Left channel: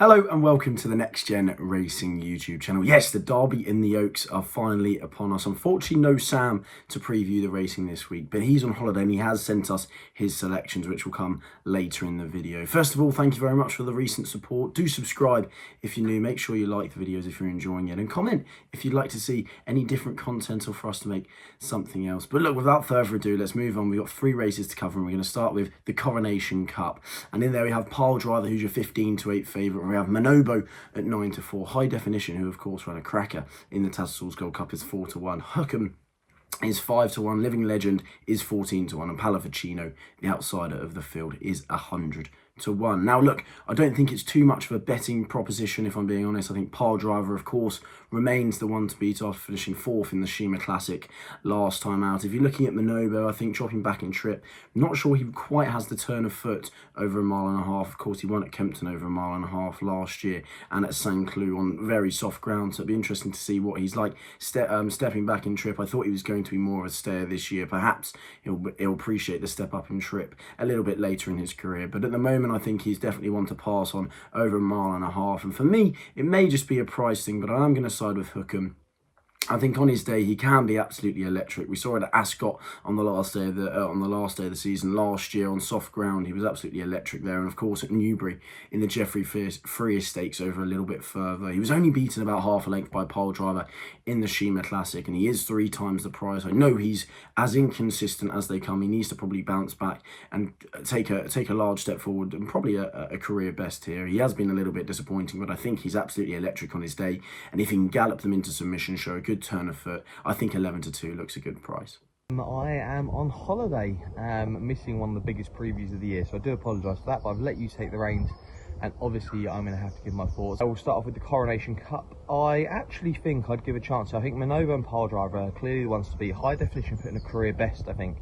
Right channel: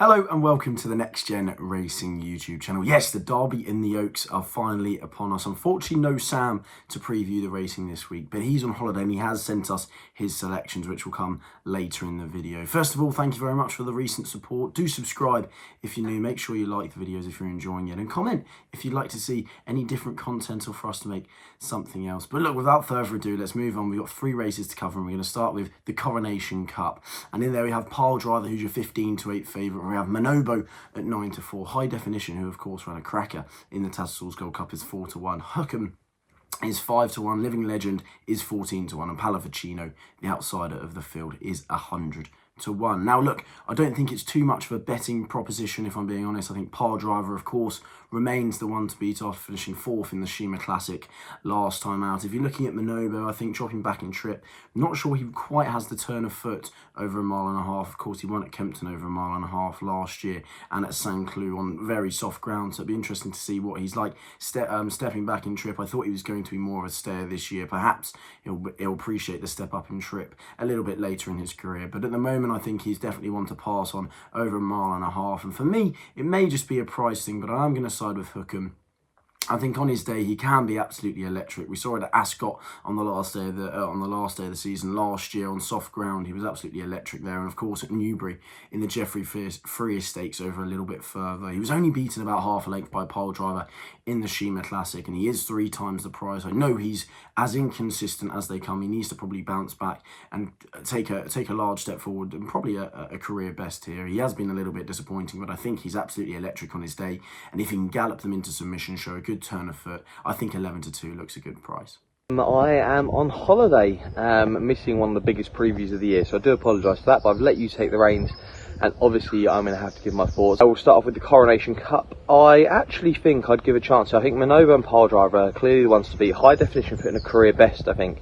Hello and welcome to the Next Gen Racing YouTube channel. Yes, the Derby in the Oaks are finally upon us. Unfortunately, no Sam to preview the racing this week, but he's on holiday and he has sent us his selections, which will come later in the video. First of all, thank you very much for the recent support. Do subscribe if you're new. Make sure you like the videos if you're enjoying it, and comment if you'd like to see any different content or for us to make something else. But look, without further ado, let's move on. We've got 3 races to cover, and we're going to start with the Coronation Cup. And in there we have Pile Driver, who's your 15-8 favourite. We have Manobo at 9-4. High Definition, who of course ran a cracker in the Tattersalls Gold Cup, is 4-1. Huckham is 5-1. Living Legend is 14-1. And Pallavicino, the outsider of the field, is 100-1. Now look, I don't think it's too much of a betting proposition, if I'm being honest. I think Pile Driver, of course, remains the one to beat after finishing 4th in the Shima Classic last time out. If you're looking at Manobo, I think dropping back in trip, not sure he quite has the turn of foot over 1.5 miles. Of course, he won at Kempton over 1.5 miles last year and at St. Cloud on very soft ground. So it'd be interesting to see what he's like stepping back in trip. I thought he was going to be more of a stayer this year. Perhaps he'll appreciate the step up in trip a little bit later in his career. But at the moment, I think he's definitely one to pass on over 1.5 miles. And for me, it may just be a price thing, but I am going to side with Huckham. I think on his day he can be absolutely electric. We saw it at Ascot on the last day of the season last year on soft ground. He was absolutely electric there, and of course at Newbury in the Geoffrey Freer Stakes over a little bit further. He was only beaten about half a length by Pile Driver in the Shima Classic, and he is 3 times the price. I know he's as inconsistent as they come. He needs to probably bounce back and take a large step forward, and probably a career best here. He has been a little bit disappointing, but I think he's absolutely electric on his day, and if he can gallop them into submission, show a good turn of foot, I think 11-2 looks a good price. I am on holiday, missing one of the biggest previews of the year, so I do apologise for that, but I've let you take the reins, and obviously I'm going to have to give my thoughts. I will start off with the Coronation Cup. I actually think I'd give a chance. I think Manobo and Pile Driver are clearly the ones to beat. High Definition put in a career best, I think,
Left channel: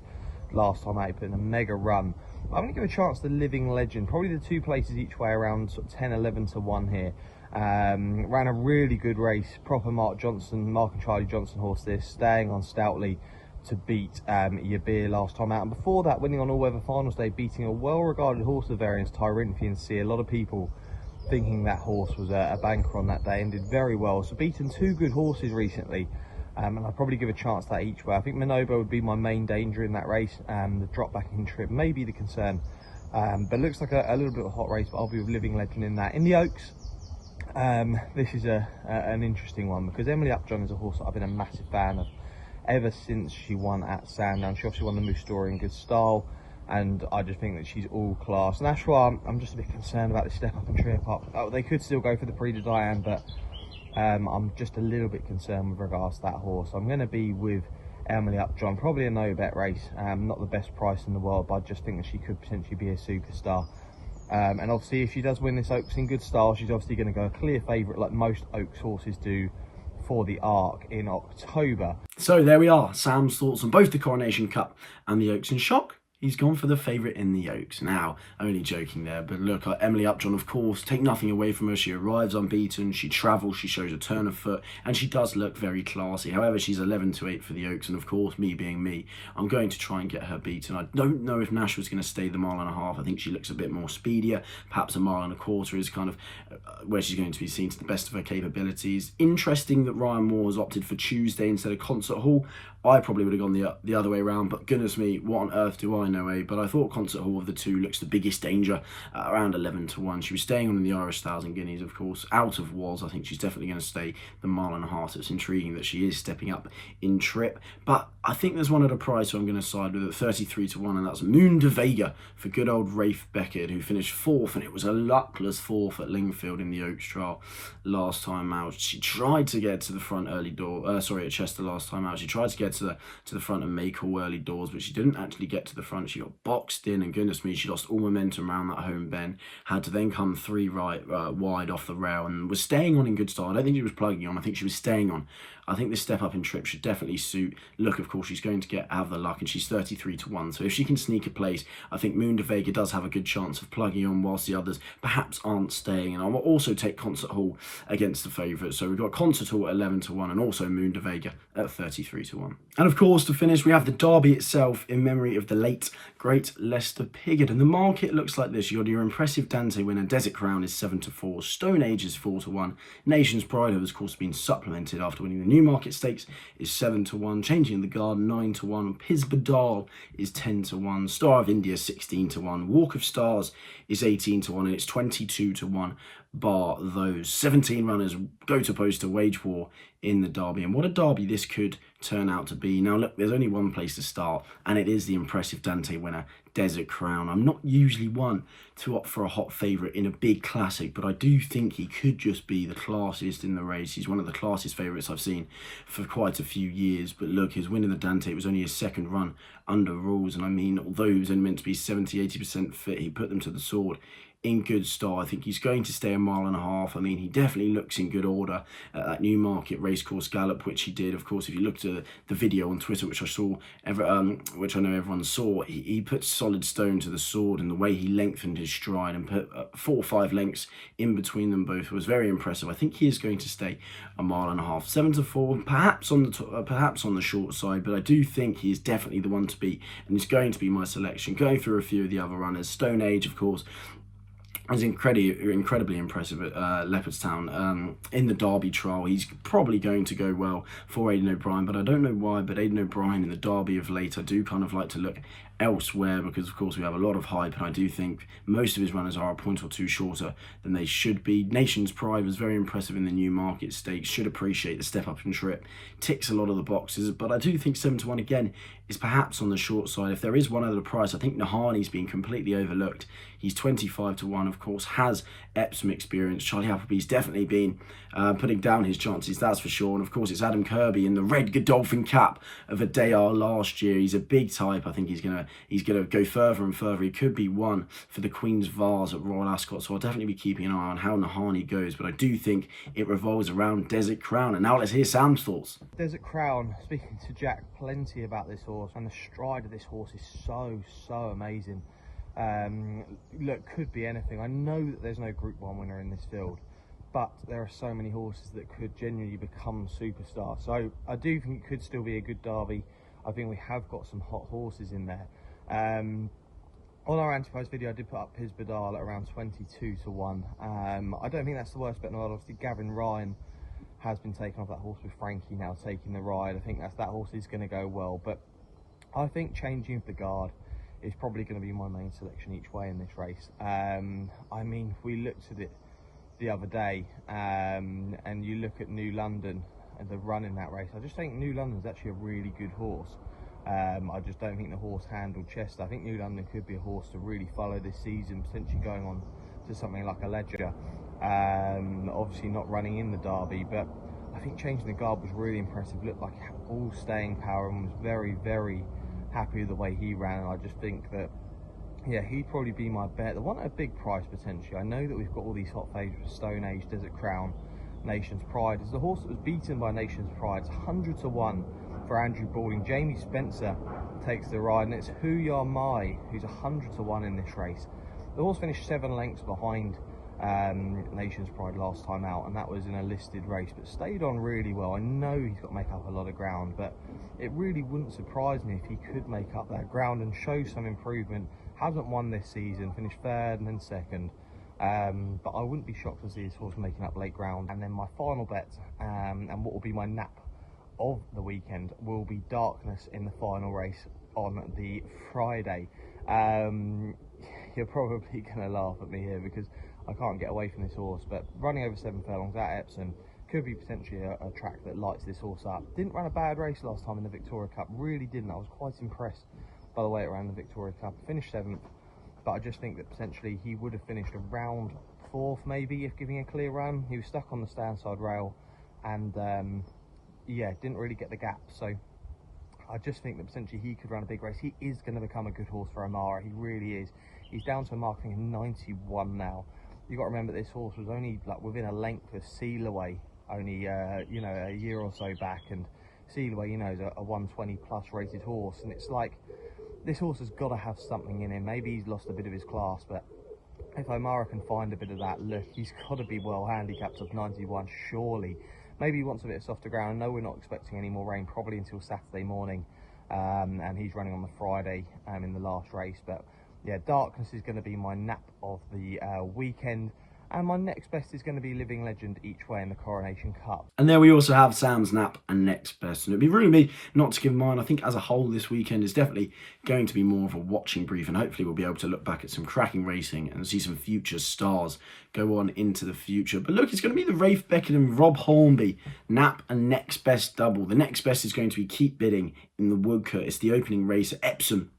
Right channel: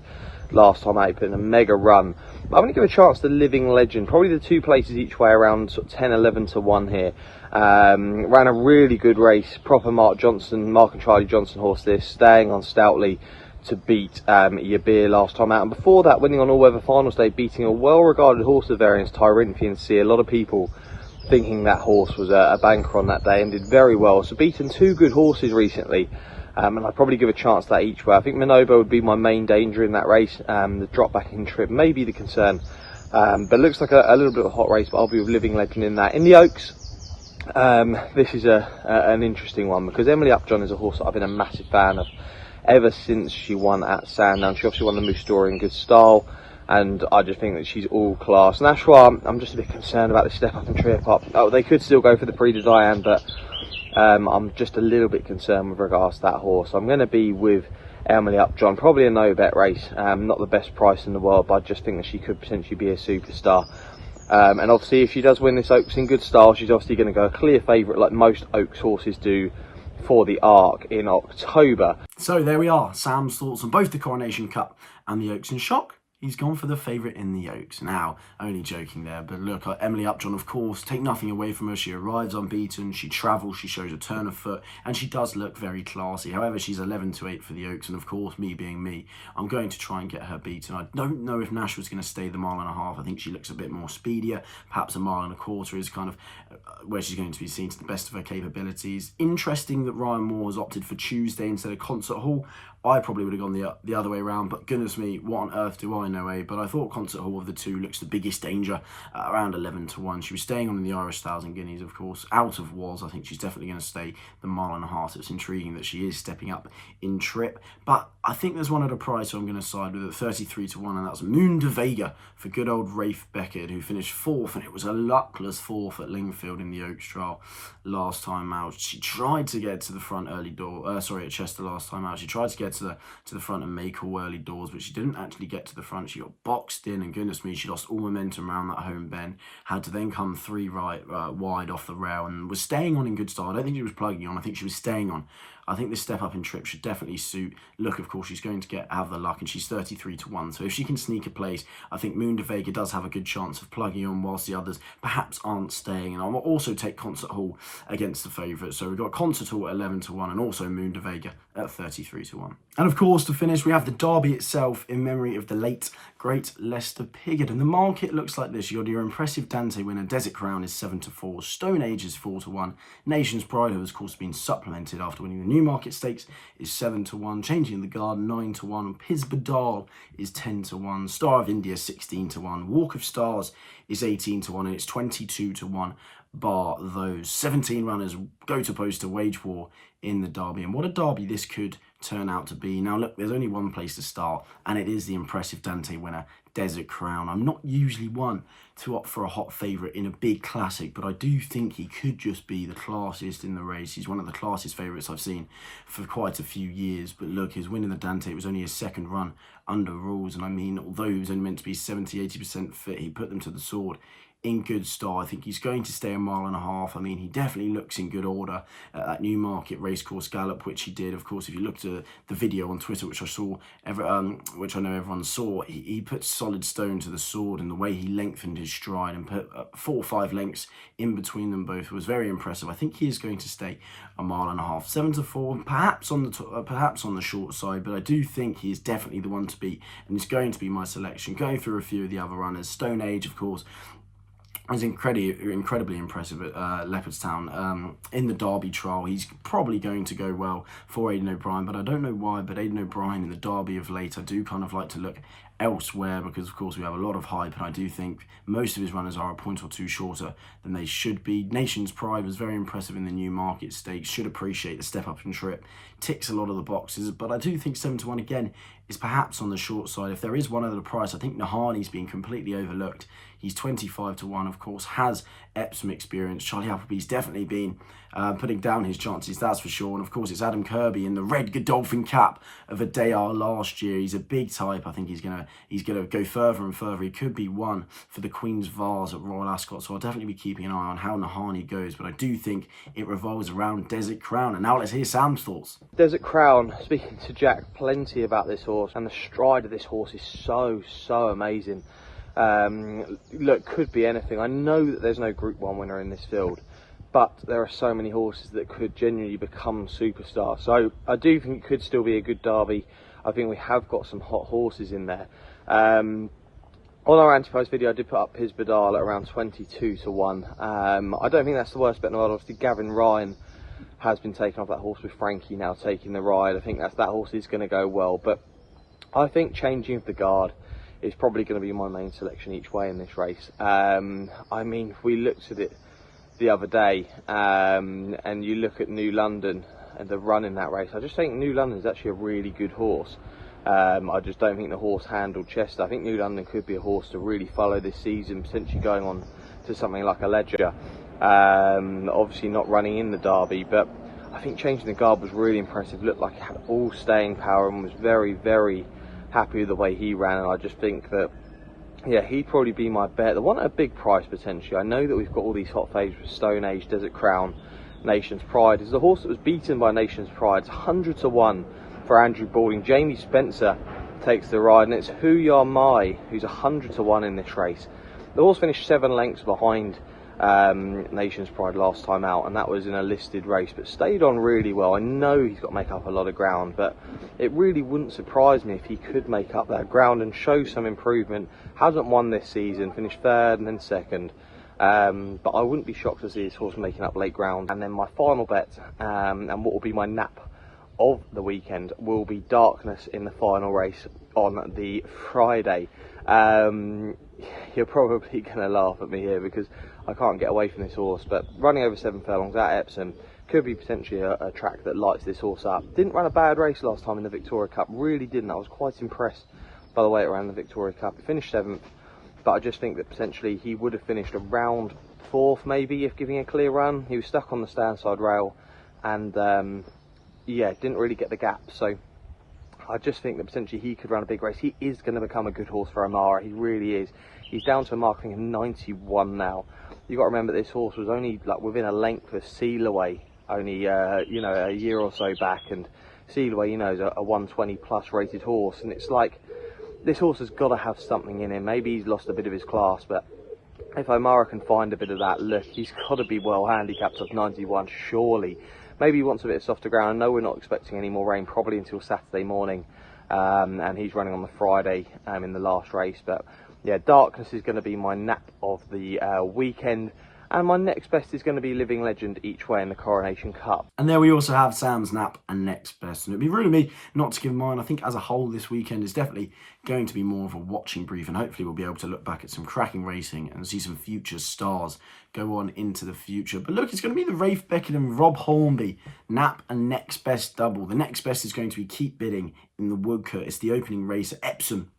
last time out, put in a mega run. But I'm going to give a chance to Living Legend, probably the 2 places each way around, sort of 10-11-1 here. Ran a really good race, proper Mark and Charlie Johnson horse this, staying on stoutly to beat Yabir last time out, and before that winning on All Weather Finals Day, beating a well-regarded horse of variance, Tyrinthian Sea. A lot of people thinking that horse was a banker on that day, and did very well. So beaten 2 good horses recently, and I'd probably give a chance to that each way. I think Manobo would be my main danger in that race. The drop back in trip may be the concern, but it looks like a little bit of a hot race, but I'll be with Living Legend in that. In the Oaks, this is an interesting one, because Emily Upjohn is a horse that I've been a massive fan of ever since she won at Sandown. She obviously won the Moose Story in good style, and I just think that she's all class, and that's why I'm just a bit concerned about the step up and trip up. Oh, they could still go for the Prix de Diane, but I'm just a little bit concerned with regards to that horse. I'm going to be with Emily Upjohn, probably a no bet race, not the best price in the world, but I just think that she could potentially be a superstar. And obviously if she does win this Oaks in good style, she's obviously going to go a clear favourite like most Oaks horses do for the Arc in October. So there we are, Sam's thoughts on both the Coronation Cup and the Oaks. In shock, he's gone for the favourite in the Oaks. Now, only joking there, but look, Emily Upjohn, of course, take nothing away from her. She arrives unbeaten, she travels, she shows a turn of foot, and she does look very classy. However, she's 11-8 for the Oaks, and of course, me being me, I'm going to try and get her beaten. I don't know if Nashwa's going to stay the 1.5 miles. I think she looks a bit more speedier. Perhaps 1.25 miles is kind of where she's going to be seen to the best of her capabilities. Interesting that Ryan Moore has opted for Tuesday instead of Concert Hall. I probably would have gone the other way around, but goodness me, what on earth do I know, eh? But I thought Concert Hall of the 2 looks the biggest danger, around 11-1. She was staying on in the Irish Styles and Guineas, of course, out of Was. I think she's definitely going to stay the 1.5 miles. So it's intriguing that she is stepping up in trip, but I think there's one at a price, so I'm going to side with it, 33-1, and that's Moon de Vega for good old Rafe Beckett, who finished 4th, and it was a luckless 4th at Lingfield in the Oaks trial last time out. She tried to get to the front at Chester last time out. She tried to get to the front and make all early doors, but she didn't actually get to the front. She got boxed in, and goodness me, she lost all momentum around that home bend, had to then come 3 wide off the rail, and was staying on in good style. I don't think she was plugging on, I think she was staying on I think this step up in trip should definitely suit. Look, of course, she's going to have the luck, and she's 33 to 1. So if she can sneak a place, I think Moon de Vega does have a good chance of plugging on, whilst the others perhaps aren't staying. And I will also take Concert Hall against the favourites. So we've got Concert Hall at 11 to 1, and also Moon de Vega at 33 to 1. And of course, to finish, we have the Derby itself in memory of the late, great Lester Piggott. And the market looks like this. You got your impressive Dante winner, Desert Crown, is 7 to 4. Stone Age is 4 to 1. Nation's Pride, who has of course been supplemented after winning the Newmarket Stakes, is 7 to 1. Changing the Guard, 9 to 1. Pisbadal is 10 to 1. Star of India, 16 to 1. Walk of Stars is 18 to 1, and it's 22 to 1. Bar those 17 runners go to post a wage war in the Derby. And what a Derby this could turn out to be. Now look, there's only one place to start, and it is the impressive Dante winner, Desert Crown. I'm not usually one to opt for a hot favourite in a big classic, but I do think he could just be the classiest in the race. He's one of the classiest favourites I've seen for quite a few years. But look, his win in the Dante, it was only his second run under rules, and I mean, although he was only meant to be 70-80% fit, he put them to the sword in good style. I think he's going to stay a mile and a half. I mean, he definitely looks in good order at that Newmarket Racecourse Gallop, which he did. Of course, if you looked at the video on Twitter, which I saw, which I know everyone saw, he put solid stone to the sword, and the way he lengthened his stride and put 4 or 5 lengths in between them both was very impressive. I think he is going to stay a mile and a half. 7 to 4, perhaps on the short side, but I do think he is definitely the one to beat, and he's going to be my selection. Going through a few of the other runners, Stone Age, of course, was incredibly impressive at Leopardstown in the Derby trial. He's probably going to go well for Aidan O'Brien, but I don't know why. But Aidan O'Brien in the Derby of late, I do kind of like to look elsewhere, because of course we have a lot of hype, and I do think most of his runners are a point or two shorter than they should be. Nation's Pride was very impressive in the Newmarket Stakes, should appreciate the step up in trip, ticks a lot of the boxes, but I do think 7 to 1 again is perhaps on the short side. If there is one other price, I think Nahani's been completely overlooked. He's 25 to 1, of course, has Epsom experience. Charlie Appleby's definitely been putting down his chances, that's for sure. And of course, it's Adam Kirby in the red Godolphin cap of Adayar last year. He's a big type. I think he's gonna go further and further. He could be one for the Queen's Vase at Royal Ascot, so I'll definitely be keeping an eye on how Nahani goes. But I do think it revolves around Desert Crown. And now let's hear Sam's thoughts. Desert Crown, speaking to Jack plenty about this horse, and the stride of this horse is so amazing. Look, could be anything. I know that there's no Group 1 winner in this field, but there are so many horses that could genuinely become superstars. So I do think it could still be a good Derby. I think we have got some hot horses in there. On our anti-post video, I did put up Pisbadal at around 22 to 1. I don't think that's the worst bet in the world. Obviously, Gavin Ryan has been taken off that horse with Frankie now taking the ride. I think that horse is going to go well, but I think Changing of the Guard is probably going to be my main selection each way in this race. I mean, if we looked at it the other day, and you look at New London and the run in that race, I just think New London is actually a really good horse. I just don't think the horse handled Chester. I think New London could be a horse to really follow this season, potentially going on to something like a Ledger. Obviously not running in the Derby, but I think Changing the Guard was really impressive. Looked like he had all staying power and was very happy with the way he ran. And I just think that, yeah, he'd probably be my bet. The one at a big price potentially. I know that we've got all these hot favourites with Stone Age, Desert Crown, Nation's Pride. Is the horse that was beaten by Nation's Pride. It's 100 to 1 for Andrew Balding. Jamie Spencer takes the ride, and it's Who Ya Mai who's 100 to 1 in this race. The horse finished 7 lengths behind Nation's Pride last time out, and that was in a listed race, but stayed on really well. I know he's got to make up a lot of ground, but it really wouldn't surprise me if he could make up that ground and show some improvement. Hasn't won this season, finished 3rd and then 2nd, but I wouldn't be shocked to see his horse making up late ground. And then my final bet, and what will be my nap of the weekend, will be Darkness in the final race on the Friday. You're probably going to laugh at me here because I can't get away from this horse, but running over 7 furlongs at Epsom could be potentially a track that lights this horse up. Didn't run a bad race last time in the Victoria Cup, really didn't. I was quite impressed by the way it ran the Victoria Cup. He finished 7th, but I just think that potentially he would have finished around 4th maybe if giving a clear run. He was stuck on the stand side rail and yeah, didn't really get the gap. So I just think that potentially he could run a big race. He is going to become a good horse for Amara, he really is. He's down to a marking of 91 now. You've got to remember this horse was only like within a length of Seal Away only you know, a year or so back, and Sealway, you know, is a 120 plus rated horse, and it's like this horse has got to have something in him. Maybe he's lost a bit of his class, but if O'Mara can find a bit of that look, he's got to be well handicapped off 91, surely. Maybe he wants a bit of softer ground. I know we're not expecting any more rain probably until Saturday morning, and he's running on the Friday in the last race. But yeah, Darkness is going to be my nap of the weekend, and my next best is going to be Living Legend each way in the Coronation Cup. And then we also have Sam's nap and next best. And it'd be rude of me not to give mine. I think as a whole this weekend is definitely going to be more of a watching brief, and hopefully we'll be able to look back at some cracking racing and see some future stars go on into the future. But look, it's going to be the Rafe Beckenham Rob Hornby nap and next best double. The next best is going to be Keep Bidding in the Woodcote. It's the opening race at Epsom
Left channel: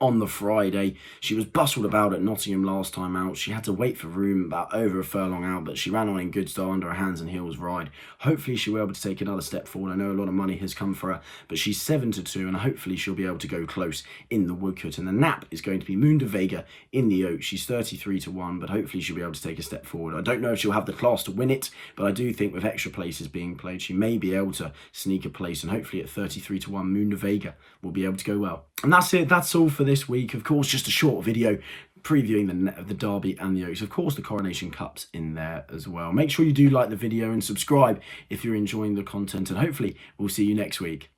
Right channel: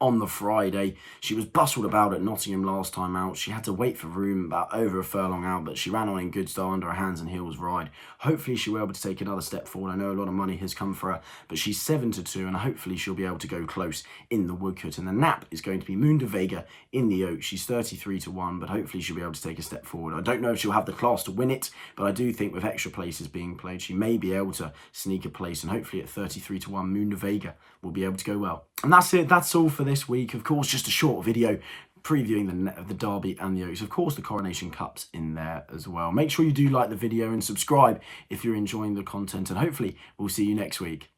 on the Friday. She was bustled about at Nottingham last time out. She had to wait for room about over a furlong out, but she ran on in good style under a hands and heels ride. Hopefully she'll be able to take another step forward. I know a lot of money has come for her, but she's 7-2, and hopefully she'll be able to go close in the Woodcote. And the nap is going to be Moon de Vega in the Oaks. She's 33-1, but hopefully she'll be able to take a step forward. I don't know if she'll have the class to win it, but I do think with extra places being played, she may be able to sneak a place, and hopefully at 33-1, Moon de Vega will be able to go well. And that's it. That's all for this week. Of course, just a short video previewing the Derby and the Oaks. Of course, the Coronation Cup's in there as well. Make sure you do like the video and subscribe if you're enjoying the content, and hopefully we'll see you next week.